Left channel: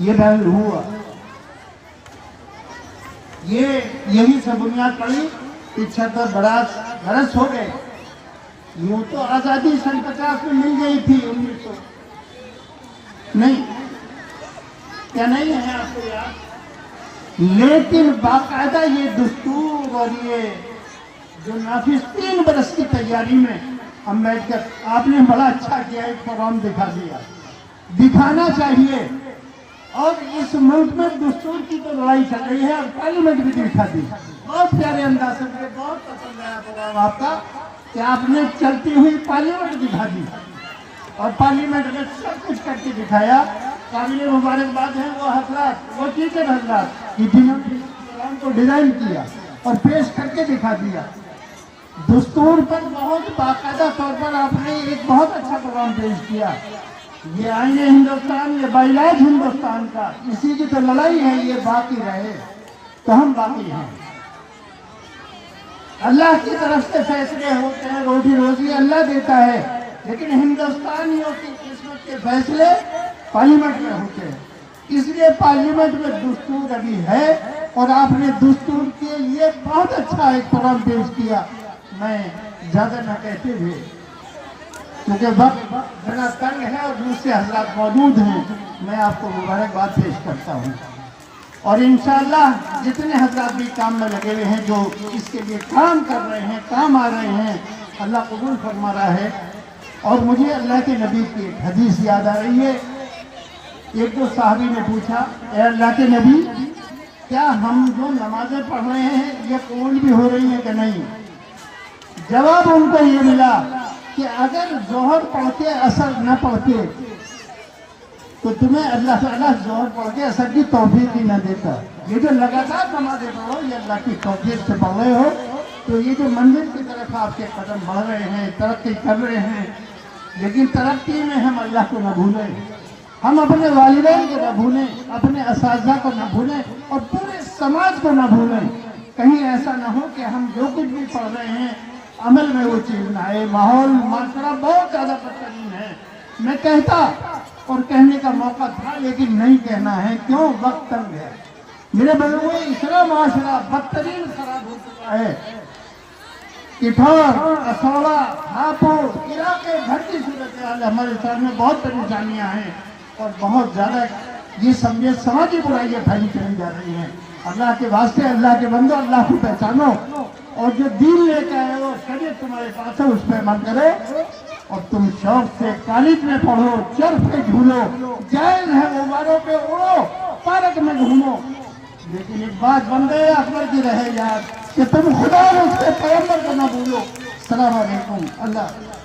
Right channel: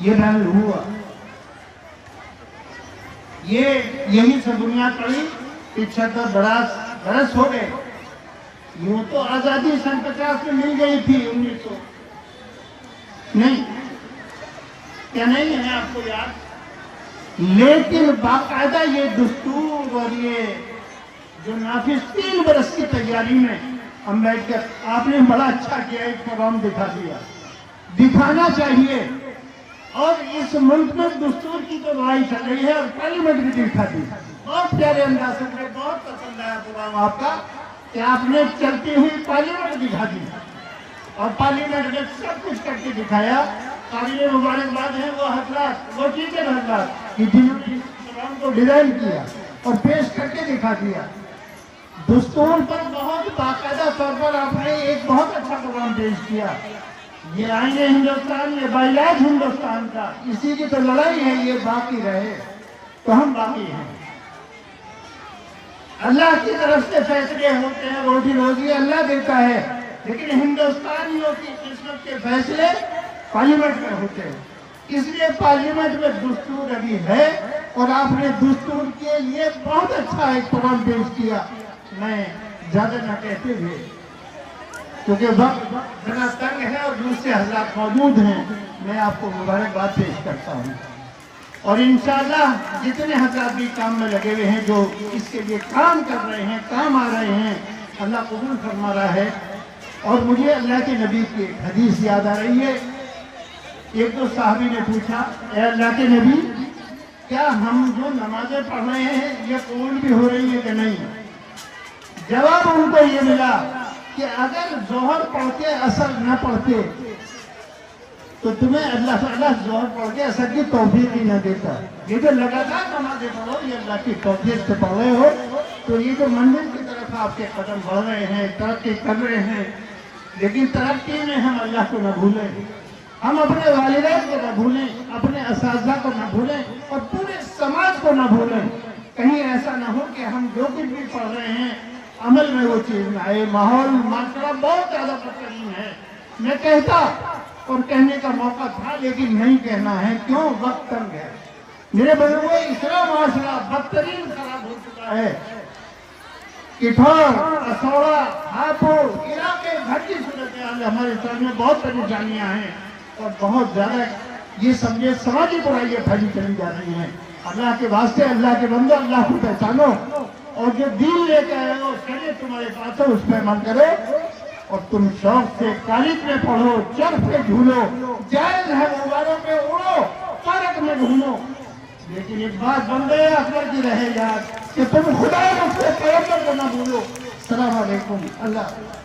یہ رنگ ہوا. یہی سب بنیاد پڑی. 75 برس ہو گئے. یوں تو آزادی سن 50 میں مل گئی تھی. 1900 نہیں کیا نہیں ہے آپ کو یاد؟ لیکن باقاعدہ یہ دستور اور یہ جو نافذ 3 برس کی تیاری میں امبیڈکر آپ نے بڑا اچھا کیا. ایک پروگرام دکھا دیا. دکھانا چاہیے. اور اس ملک میں دستور کی تو لڑائی چل رہی ہے اور پارلیمنٹ بھی دکھا دی. بہت پیارے انداز سے مجھے بہت پسند آیا پروگرام آپ کا کہ آپ نے چلتی ہوئی پارلیمنٹ دکھا دی اور پارلیمنٹ میں سب کچھ کر کے دکھایا. قابل مبارکباد ہیں وہ حضرات، وہ ٹیچر حضرات جنہوں نے اس پروگرام کو ڈیزائن کیا اور پیش کر کے دکھا دیا. دستور پر بہت باقاعدہ طور پر آپ نے ایک بہت اچھا پروگرام پیش کیا. یہ آئین ہندوستان، یہ بائی لائف ہندوستان کا، اسی کی تو لڑائی ہے. یہ باقی رہے تو ہم باقی ہیں. اللہ کی طرف سے فیصلے ہوتے ہیں. روزی روزی اللہ دیتا ہے، لیکن ہندوستانیوں کی قسمت کے فیصلے پارلیمنٹ میں ہوتے ہیں. اس لیے پارلیمنٹ میں دستور ابھی ہے اور آپ نے دستور کے لیے بہت اچھا ایک پروگرام پیش کیا. میں زیادہ نہ کہتے ہوئے کیونکہ وقت ذرا تنگ ہے اور دوسرے حضرات موجود ہیں، میں آپ کو مبارکباد پیش کرتا ہوں. اور انشاءاللہ جتنے حضرات بھی کام میں لگے ہوئے ہیں، جو اس کے لیے کام کر رہے ہیں، کام آ رہے ہیں، اللہ قبول فرما رہا ہے. اور مجھے اللہ کے نبی کی ایک حدیث یاد آ رہی ہے. ایک دو صحابی نے پوچھا، اے اللہ کے نبی، کیا ہم جو نمازیں پڑھ رہے ہیں یہ قبول بھی ہو رہی ہیں کہ نہیں؟ جواب ان کو یہ ملا کہ اگر ظہر پڑھ کے اثر نہ پڑھتے تو تمہیں اللہ تعالیٰ ظہر پڑھ کے اثر کی توفیق ہی نہ دیتا. یہ جو لگاتار نمازیں پڑھو یہ اللہ کی توفیق سے پڑھ رہے ہو تو یہ جو منزل کی طرف آپ کے قدم بڑھ رہے ہیں، ترقی کر رہے ہیں. لیکن ترقی میں ہم اللہ کو نہ بھولیں، ہم اپنے والدین کو نہ بھولیں، اپنے اساتذہ کو نہ بھولیں اور پورے سماج کو نہ بھولیں. کہیں ایسا نہ ہو کہ ہم جو کچھ بھی پڑھ رہے ہیں عمل میں وہ چیز نہ آئے. ماحول معاشرہ بہت زیادہ بدترین ہے. میں کہتا اور کہنے کا موقع تھا لیکن نہیں کہنا ہے. کیوں؟ وقت تنگ ہے. میرے بزرگوں، اتنا معاشرہ بدترین خراب ہو چکا ہے. کٹھور، اسوڑا، ہاپوڑ علاقے بھر کی صورتحال ہمارے سامنے بہت پریشانیاں ہیں اور بہت زیادہ یہ سمجھے سماجی برائیاں پھیلی چلی جا رہی ہیں. اللہ کے واسطے، اللہ کے بندو، اللہ کو پہچانو اور جو دین لے کے آئے ہو شریعت تمہارے پاس ہے اس پہ عمل کرو اور تم شوق سے کالج میں پڑھو، چرخ پہ جھولو، جائز ہے غباروں پہ اڑو، پارک میں گھومو. لیکن ایک بات بندے اکبر کی رہے یاد کہ تم خدا اور اس کے پیغمبر کو نہ بھولو. السلام علیکم. اللہ